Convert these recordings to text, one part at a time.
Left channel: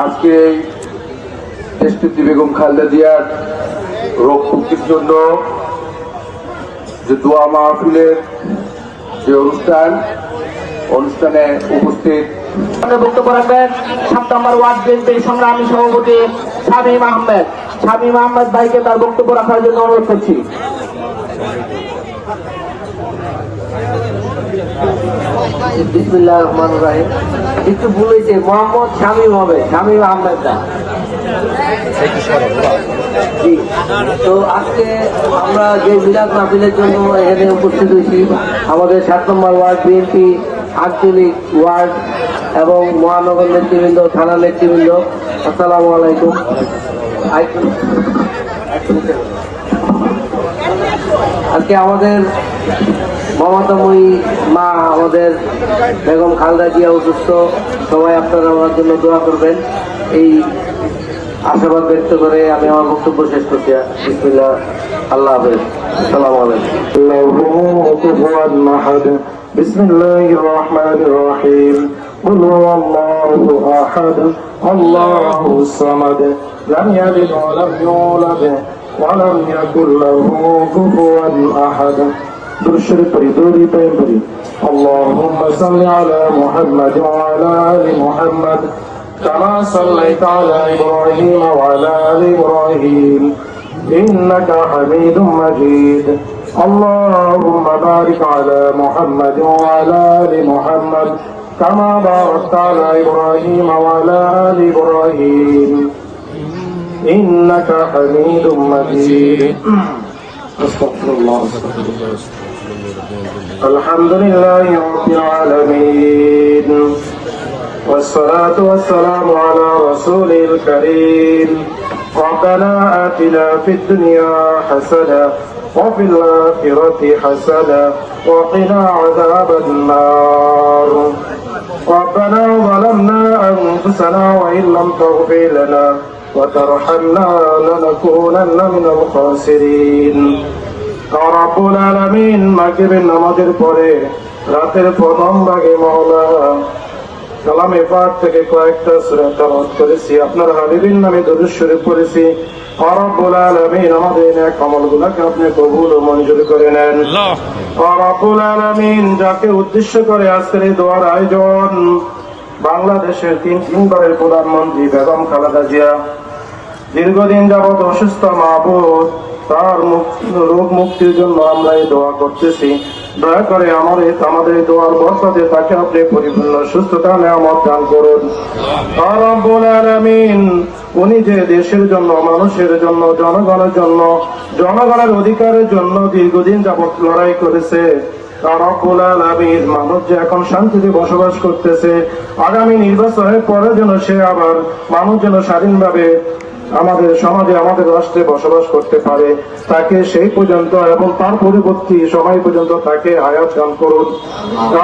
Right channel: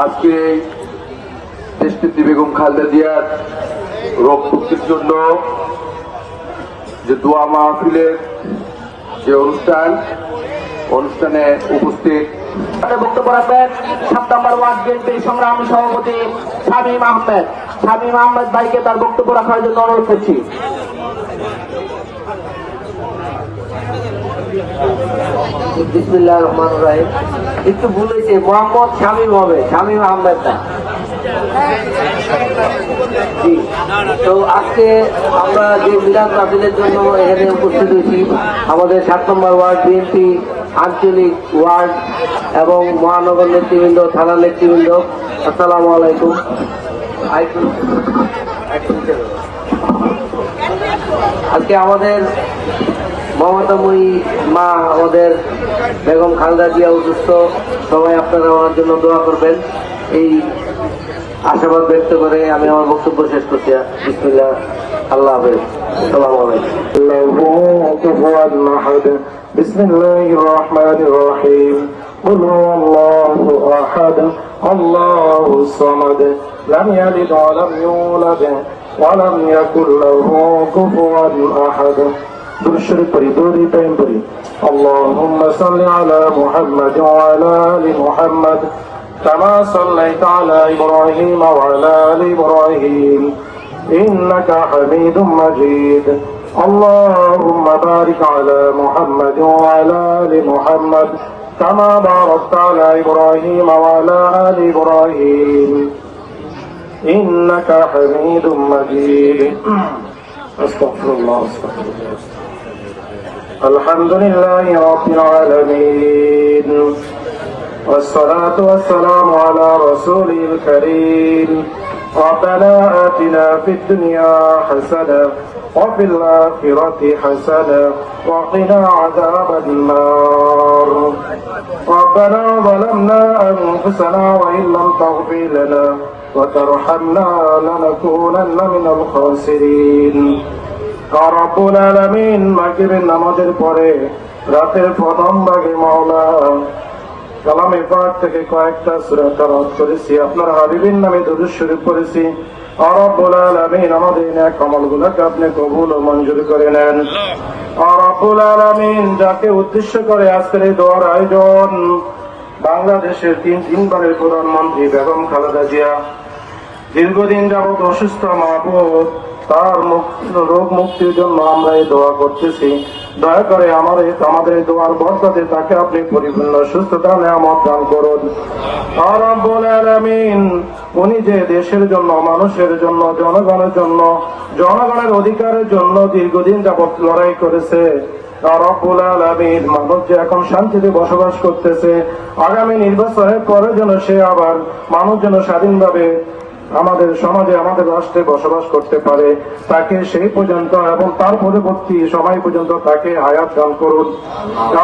আজকে এই দেশনেত্রী বেগম খালেদা জিয়ার রোগ মুক্তির জন্য যে দোয়া মাহফিলের যে অনুষ্ঠান, অনুষ্ঠানে উপস্থিত। বক্তব্য রাখবেন, সাত নম্বর ওয়ার্ড বিএনপির সংগ্রামী সভাপতি শামীম আহমেদ। শামীম আহমেদ ভাইকে তার বক্তব্য রাখার জন্য অনুরোধ করছি। বিসমিল্লাহ রহমান রাহিম। একটু ভুল হয়েছে, মোহাম্মদ শামীম হবে, শামীম আহমেদ জি, তো আজকে আমরা যে মিলাদ মাহফিলের জন্য এখানে উপস্থিত হয়েছি, আমাদের সাত নম্বর ওয়ার্ড বিএনপি আঞ্চলিক ওয়ার্ড এবং মহানগর নেতৃবৃন্দ, থানা নেতৃবৃন্দ, আসসালামু আলাইকুম। আজকে আমাদের মমতাময়ী মা আমাদের বেগম খালেদা জিয়া অসুস্থ সবাই আপনারা ওনার জন্য দোয়া করবেন এই আশীর্বাদ ব্যক্ত করে আমি আমার বক্তব্য শেষ করছি বিসমিল্লাহ আল্লাহ হাফেজ আসসালামু আলাইকুম له كفوا احد بسم الله الرحمن الرحيم قل هو الله احد الله الصمد لم يلد ولم يولد ولم يكن له كفوا احد درشد بريدوري تيمبري اللهم صل على محمد وعلى آل محمد كما صليت على إبراهيم وعلى آل إبراهيم. إنك حميد مجيد. اللهم بارك على محمد وعلى آل محمد كما باركت على إبراهيم وعلى آل إبراهيم. إنك حميد مجيد. أستغفر الله أستغفر الله. الحمد لله رب العالمين. والصلاة والسلام على رسوله الكريم. ربنا آتنا في الدنيا حسنة وفي الآخرة حسنة وقنا عذاب النار. ربنا ظلمنا أنفسنا وإن لم تغفر لنا وترحمنا لنكونن من الخاسرين. রব্বুল আলামিন মাগরিবের নামাজের পরে রাতের প্রথম ভাগে মাওলা কালামে পাক থেকে কয়েকটা সূরা তেলাওয়াত করেছি। আপনার হাবিবের নামে দরুদ পড়েছি। আর রব্বুল আলামিন আমাদের নেক আমলগুলোকে আপনি কবুল ও মঞ্জুর করে নেন। রব্বুল আলামিন যাকে উদ্দেশ্য করে আজকের এই দোয়ার আয়োজন, বাংলাদেশের তিন, তিনবারের প্রধানমন্ত্রী বেগম খালেদা জিয়া, দীর্ঘদিন যাবৎ অসুস্থ মাহবুব তার রোগ মুক্তির জন্য আমরা এই দোয়া করতেছি। দয়া করে আমাদের আমাদের এই দোয়ার বরকতে তাকে আপনি পরিপূর্ণ সুস্থতা, নিয়ামত দান করুন। উনি যে দেশের জন্য, মানুষের জন্য, জনগণের জন্য, জনগণের অধিকারের জন্য দীর্ঘদিন যাবৎ লড়াই করেছে। মানুষ যে এখন শান্তিতে বসবাস করতেছে, আগামী নির্বাচনের পরে যেন সে আবার মানুষ যেন স্বাধীনভাবে আমাদের সমাজে আমাদের রাষ্ট্রে বসবাস করতে পারে, তাকে সেই পর্যন্ত এবং তার পরবর্তী সময় পর্যন্ত তাকে হায়াত দান করুন।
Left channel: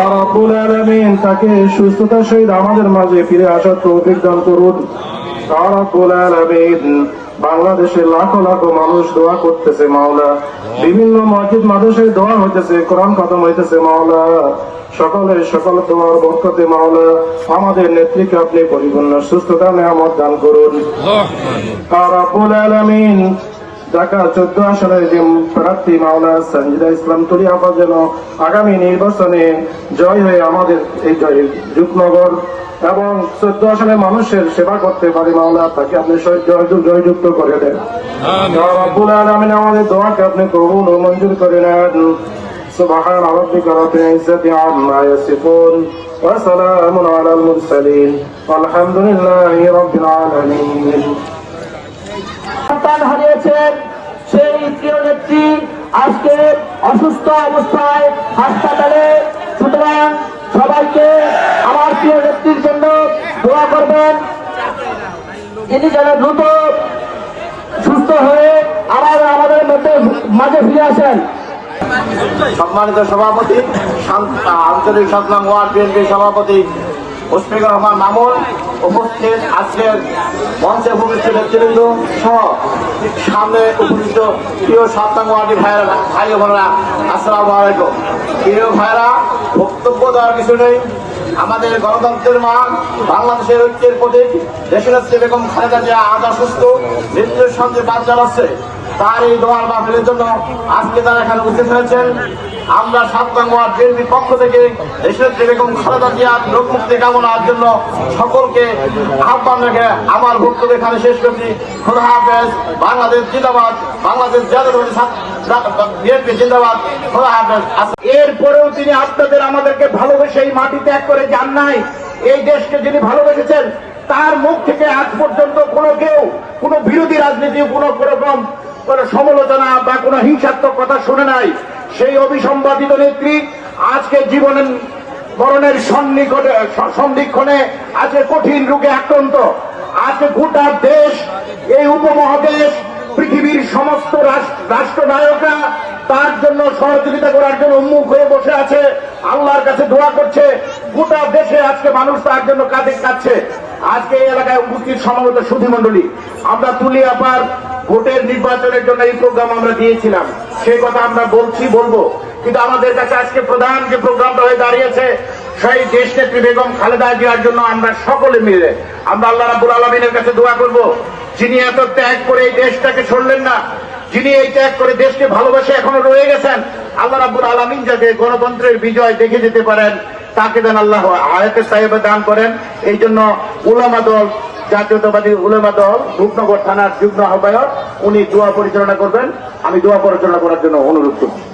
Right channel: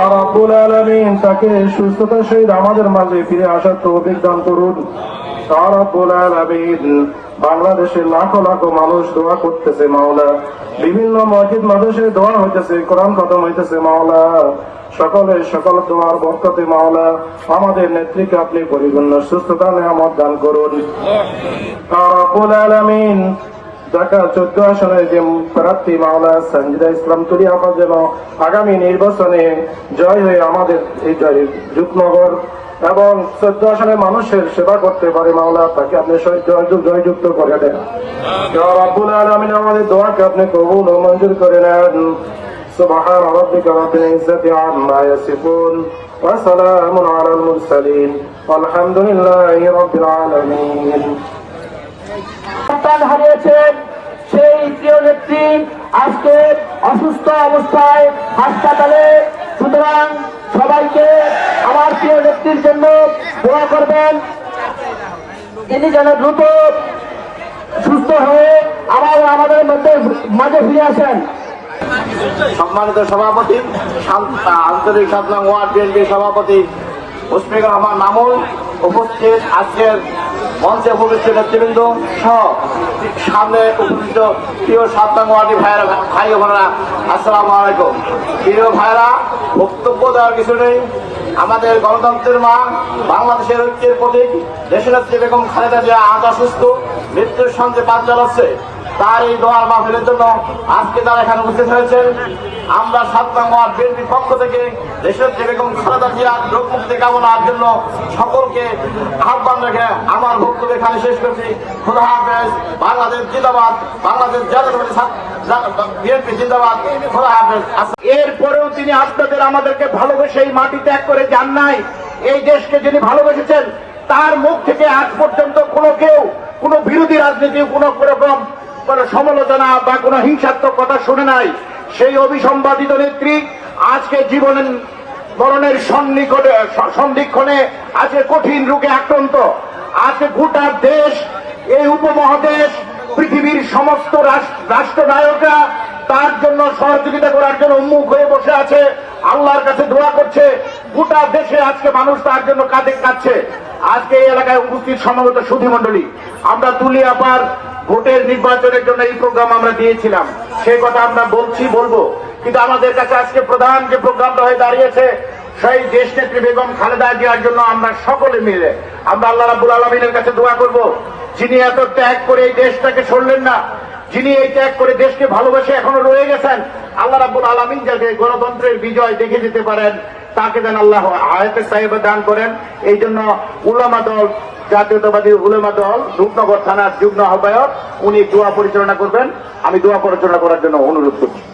আর আব্বুল আলমিন তাকে সুস্থতার সহিত আমাদের মাঝে ফিরে আসার তৌফিক দান করুন। আর আব্বুল আলমিন বাংলাদেশে লাখো লাখো মানুষ দোয়া করতেছে মাওলা। বিভিন্ন মসজিদ মাদ্রাসে দোয়া হইতেছে, কোরআন খতম হইতেছে মাওলা। সকলের সকল তোমার বরকতে মাওলা, আমাদের নেত্রীকে আপনি পরিপূর্ণ সুস্থতা, নিয়ামত দান করুন। ঢাকা চোদ্দ আসনের যে প্রার্থী মাওলা সঞ্জিদা ইসলাম যেন আগামী নির্বাচনে জয় হয়ে আমাদের এই যুগনগর এবং চোদ্দ আসনে মানুষের সেবা করতে পারে মাওলা, তাকে আপনি জয়যুক্ত করে দেন। আব্বুল আলমিন, আমাদের দোয়াকে আপনি কবুল ও মঞ্জুর করে নেন। سبحان ربك رب العزة عما يصفون وسلام على المرسلين والحمد لله رب العالمين সন্তান হারিয়েছেন সেই প্রিয় নেত্রী আজকে অসুস্থ অবস্থায় হাসপাতালে সুতরাং সবাইকে আমার প্রিয় নেত্রীর জন্য দোয়া করবেন তিনি যেন দ্রুত সুস্থ হয়ে আবার আমাদের মধ্যে মাঝে ফিরে আসেন সম্মানিত সভাপতি আঞ্চলিক সাতলাং ওয়ার্ড বিএনপি সভাপতি মুশফিকুর রহমান মামুন উপস্থিত আজকের মঞ্চে উপস্থিত নেতৃবৃন্দ সহ সামনে উপস্থিত প্রিয় সাতটাঙ্গি ভাইয়েরা, ভাই বোনেরা, আসসালামু আলাইকুম। প্রিয় ভাইরা বক্তব্য দেওয়ার কিছু নেই। আমাদের গণতন্ত্রের মা, বাংলাদেশের ঐক্যের প্রতীক দেশের হচ্ছে বেগম খালেদা জিয়া আজ অসুস্থ, মৃত্যুর সঙ্গে বাদ চালাচ্ছে তার এই দোয়ার মাহফিলের জন্য আজকে তারা এখানে উপস্থিত হয়েছেন। আমরা সাতটাঙ্গ বিএনপির পক্ষ থেকে দেশের যে বেগম খালেদা জিয়ার রোগ মুক্তি কামনার জন্য সকলকে আহ্বান রেখে আমার বক্তব্য এখানে শেষ করছি। খোদা হাফেজ, বাংলাদেশ জিন্দাবাদ, বাংলাদেশ বিএনপি জিন্দাবাদ, খোদা হাফেজ। এরপরেও তিনি আপনাদের আমাদেরকে ভালোবেসে এই মাটি ত্যাগ করে যান নাই। এই দেশকে যিনি ভালোবেসেছেন, তার মুখ থেকে আজ পর্যন্ত কোনো কেউ, কোনো বিরোধী রাজনীতি, কোনো রকম কোনো সমালোচনা বা কোনো হিংসাত্মক কথা শুনে নাই। সেই অভিসম্বাদিত নেত্রী আজকে জীবনের মরণের সন্নিকটে, সন্ধিক্ষণে আজকে কঠিন রোগে আক্রান্ত। আজকে গোটা দেশ, এই উপমহাদেশ, পৃথিবীর সমস্ত রাষ্ট্রনায়করা তার জন্য সহযোগিতা করার জন্য উন্মুখ হয়ে বসে আছে। আল্লাহর কাছে দোয়া করছে, গোটা দেশে আজকে মানুষ তার জন্য কাঁদে কাচ্ছে আজকে এই এলাকায় উপস্থিত সমাগত সুধী মন্ডলী আমরা তুলি আপার ভোটের নির্বাচনের জন্য এই প্রোগ্রাম আমরা দিয়েছিলাম। সেই কথা আমরা বলছি, বলব। কিন্তু আমাদের কাছে আজকে প্রধান যে প্রোগ্রামটা হয়ে দাঁড়িয়েছে, সেই দেশ নেত্রী বেগম খালেদা জিয়ার জন্য আমরা সকলে মিলে, আমরা আল্লাহ রাবুল আলমিনের কাছে দোয়া করব, যিনি এত ত্যাগ করে এই দেশটাকে ছড়লেন না, যিনি এই ত্যাগ করে দেশকে ভালোবাসে এখনও রয়ে গেছেন, আল্লাহ রাবুল আলমিন যাতে গণতন্ত্রের বিজয় দেখে যেতে পারেন, তাকে দেন আল্লাহ আয়াতের সাহেবে দান করেন। এই জন্য উলামা দল জাতীয়তাবাদী উলেমা দল, রূপনগর থানার যুগ্ম আহ্বায়ক, উনি দোয়া পরিচালনা করবেন। আমি দোয়া পরিচালনা করার জন্য অনুরোধ করছি।